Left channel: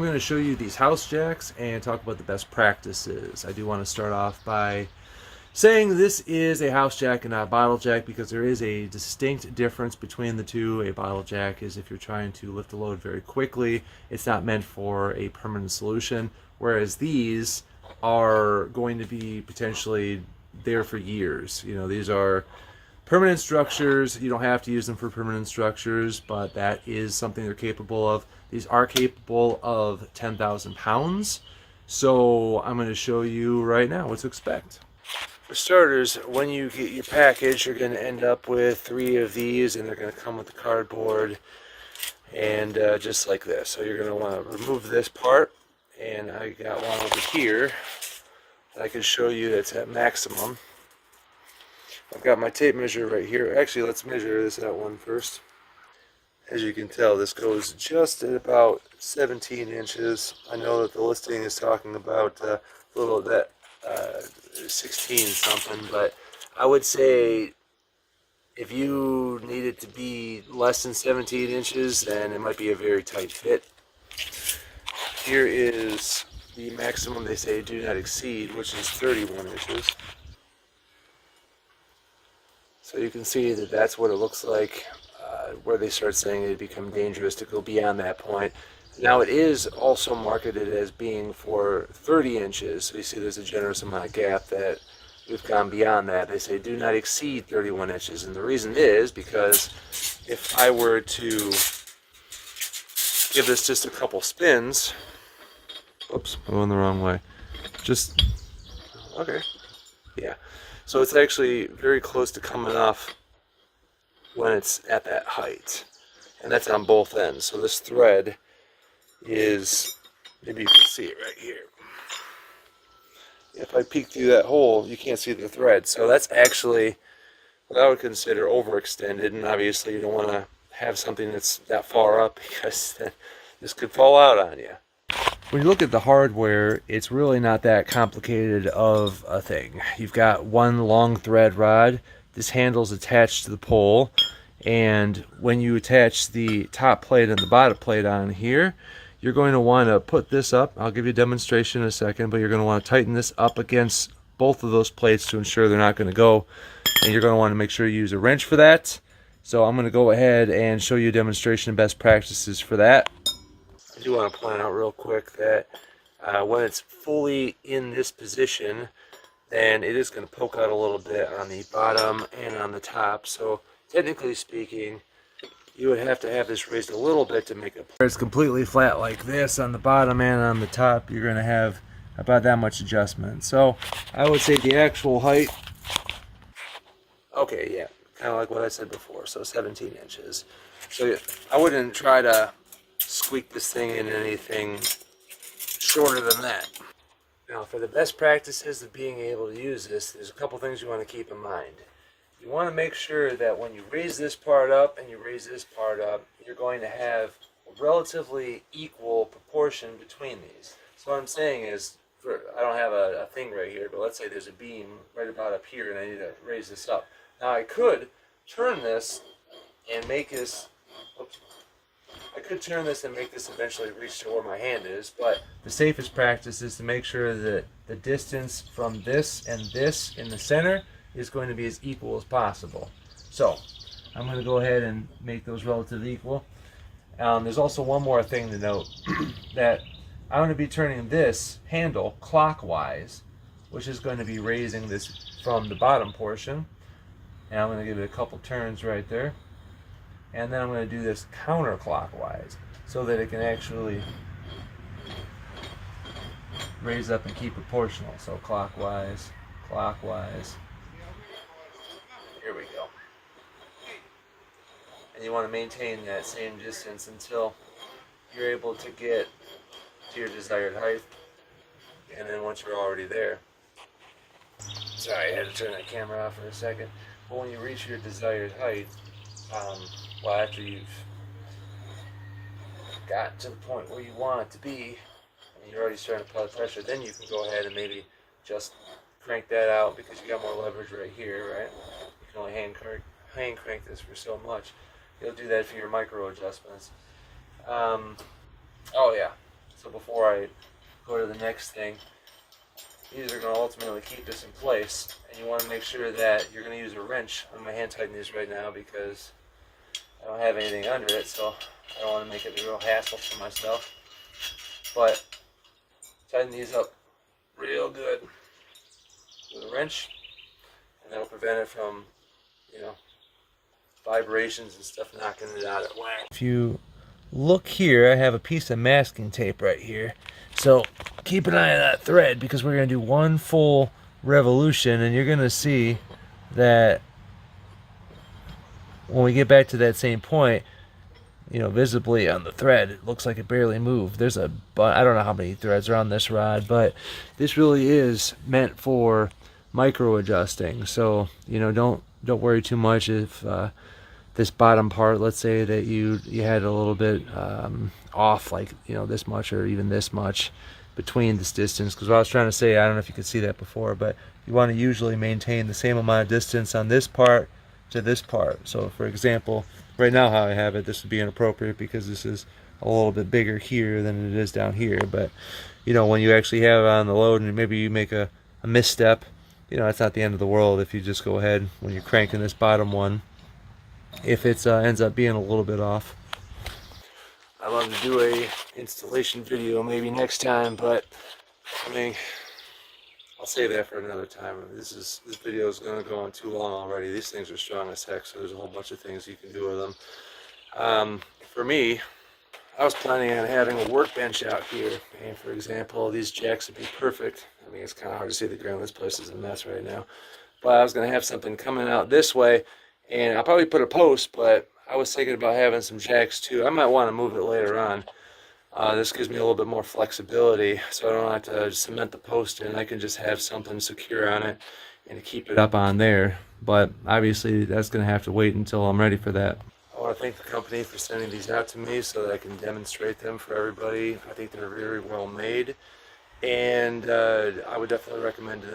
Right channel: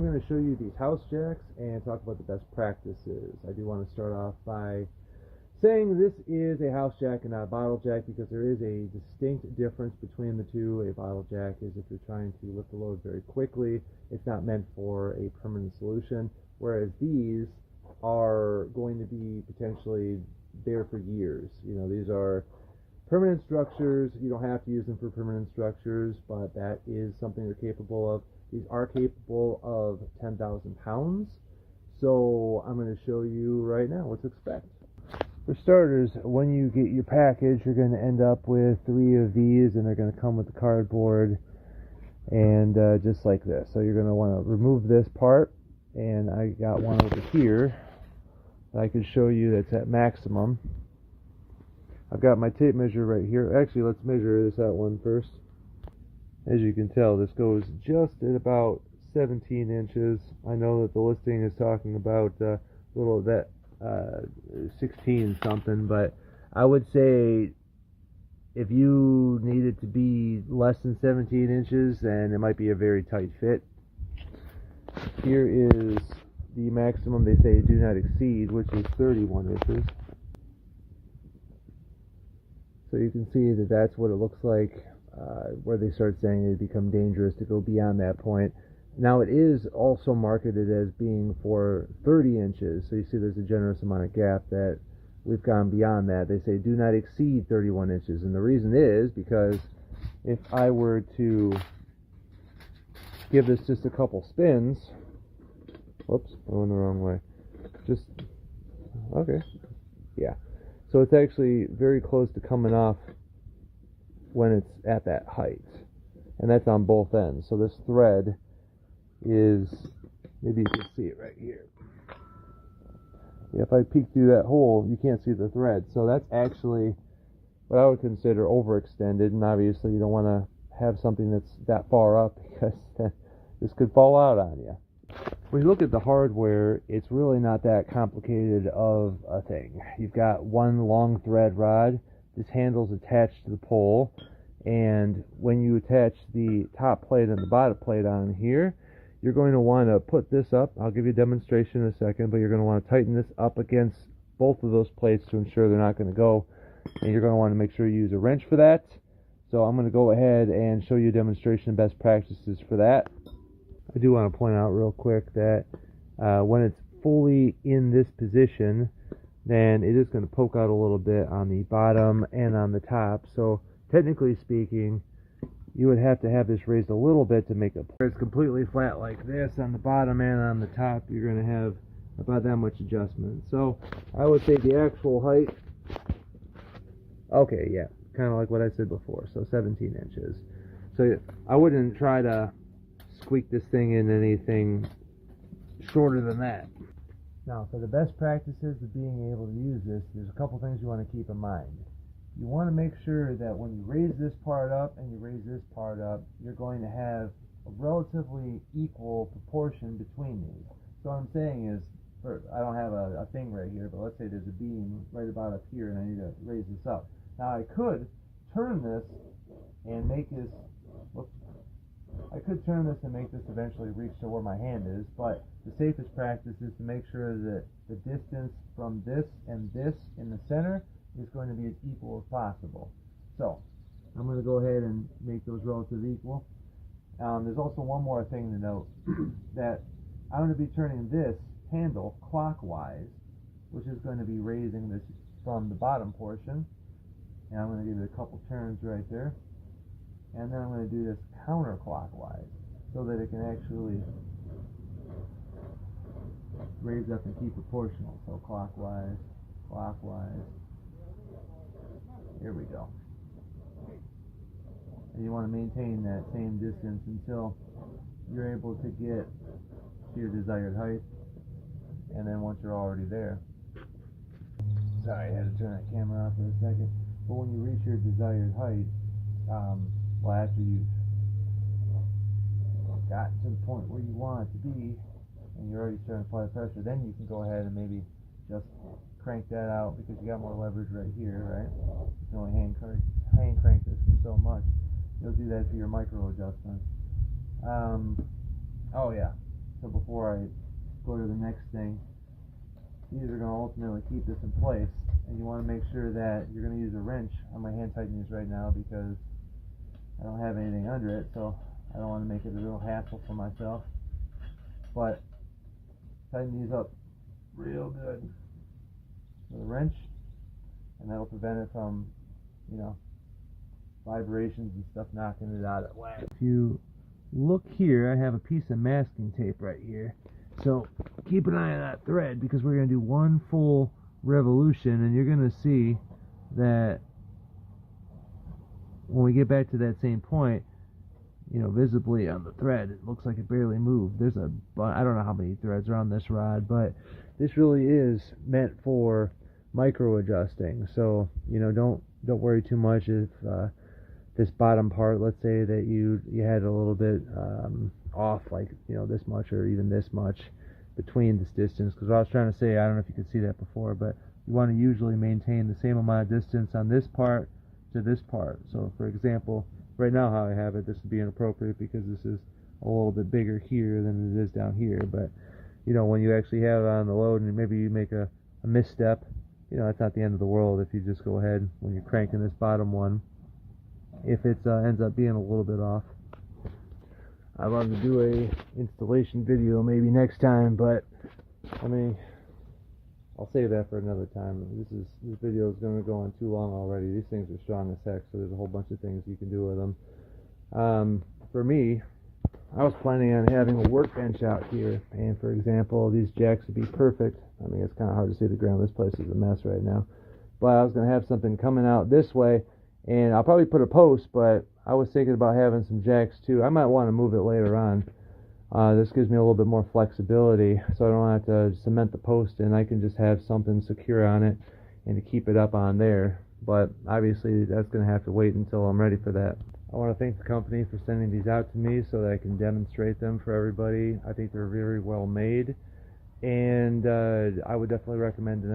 I'm going to show you these house jacks and talk about the best practices. I do want to start off by saying this is a house jack and not a bottle jack because there is a distinct difference between the two. A bottle jack is if you're trying to lift a load very quickly. It's not meant for a permanent solution, whereas these are going to be potentially there for years. You know, these are permanent structures. You don't have to use them for permanent structures, but that is something they're capable of. These are capable of 10,000 pounds. So I'm going to show you right now what to expect. For starters, when you get your package, you're going to end up with 3 of these, and they're going to come with the cardboard and just like this. So you're going to want to remove this part, and I got one over here that I can show you that's at maximum. I've got my tape measure right here. Actually, let's measure this out one first. As you can tell, this goes just at about 17 inches. I know that the listing is talking about a little of that 16 something, but I would say if you need it to be less than 17 inches, then it might be a very tight fit. Here is the maximum they say do not exceed, which is 31 inches. So you can see that that's what it looks like where they start saying it become dangerous to go beyond that point. Now it is also marketed as being for 30 inches, so you see there's a generous amount of gap that we've gone beyond that. They say do not exceed 31 inches, and the reason is because if I were to give this just a couple spins, whoops, I'm going the wrong way, just, okay, yeah, so it's actually very close to coming off when it's at that height, and that's on both ends. So this thread is, maybe you can see it right here. If I peek through that hole, you can't see the thread. So that's actually what I would consider overextended, and obviously you don't want to have something that's that far up because then this could fall out on you. When you look at the hardware, it's really not that complicated of a thing. You've got one long thread rod. This handle's attached to the pole, and when you attach the top plate and the bottom plate on here, you're going to want to put this up. I'll give you a demonstration in a second, but you're going to want to tighten this up against both of those plates to ensure they're not going to go, and you're going to want to make sure you use a wrench for that. So I'm going to go ahead and show you a demonstration of best practices for that. I do want to point out real quick that when it's fully in this position, then it is going to poke out a little bit on the bottom and on the top. So technically speaking, you would have to have this raised a little bit to make it. It's completely flat like this on the bottom and on the top. You're going to have about that much adjustment. So I would say the actual height, okay, yeah, kind of like what I said before, so 17 inches. So I wouldn't try to squeak this thing in anything shorter than that. Now, for the best practices of being able to use this, there's a couple things you want to keep in mind. You want to make sure that when you raise this part up and you raise this part up, you're going to have a relatively equal proportion between these. So what I'm saying is, I don't have a thing right here, but let's say there's a beam right about up here and I need to raise this up. Now I could turn this and make this, whoops, I could turn this and make this eventually reach to where my hand is, but the safest practice is to make sure that the distance from this and this in the center is going to be as equal as possible. So I'm going to go ahead and make those relatively equal. There's also one more thing to note, that I'm going to be turning this handle clockwise, which is going to be raising this from the bottom portion. And I'm going to give it a couple turns right there. And then I'm going to do this counterclockwise so that it can actually raise up and keep proportional. So clockwise, clockwise. Here we go. And you want to maintain that same distance until you're able to get to your desired height. And then once you're already there, sorry, I had to turn that camera off for a second. But when you reach your desired height, well, after you've gotten to the point where you want it to be, and you're already starting to apply the pressure, then you can go ahead and maybe just crank that out because you got more leverage right here, right? You can only hand crank this for so much. You'll do that for your micro adjustments. Oh yeah, So before I go to the next thing, these are going to ultimately keep this in place, and you want to make sure that you're going to use a wrench. I'm going to hand tighten these right now because I don't have anything under it, so I don't want to make it a real hassle for myself. But tighten these up real good with a wrench, and that'll prevent it from, you know, vibrations and stuff knocking it out at whack. If you look here, I have a piece of masking tape right here. So keep an eye on that thread because we're going to do one full revolution, and you're going to see that when we get back to that same point, you know, visibly on the thread, it looks like it barely moved. There's I don't know how many threads are on this rod, but this really is meant for micro adjusting. So, you know, don't worry too much if this bottom part, let's say that you had a little bit off, like, you know, this much or even this much between this distance. Because what I was trying to say, I don't know if you could see that before, but you want to usually maintain the same amount of distance on this part to this part. So for example, right now how I have it, this would be inappropriate because this is a little bit bigger here than it is down here. But you know, when you actually have it on the load and maybe you make a misstep, you know, it's not the end of the world if you just go ahead when you're cranking this bottom one, if it ends up being a little bit off. I'd love to do a installation video maybe next time, but I mean, I'll save that for another time. This video is going to go on too long already. These things are strong as heck, so there's a whole bunch of things you can do with them. For me, I was planning on having a workbench out here, and for example, these jacks would be perfect. I mean, it's kind of hard to see the ground. This place is a mess right now. But I was going to have something coming out this way, and I'll probably put a post, but I was thinking about having some jacks too. I might want to move it later on. This gives me a little bit more flexibility, so I don't have to cement the post in. I can just have something secure on it and to keep it up on there. But obviously that's going to have to wait until I'm ready for that. I want to thank the company for sending these out to me so that I can demonstrate them for everybody. I think they're very well made, and I would definitely recommend them.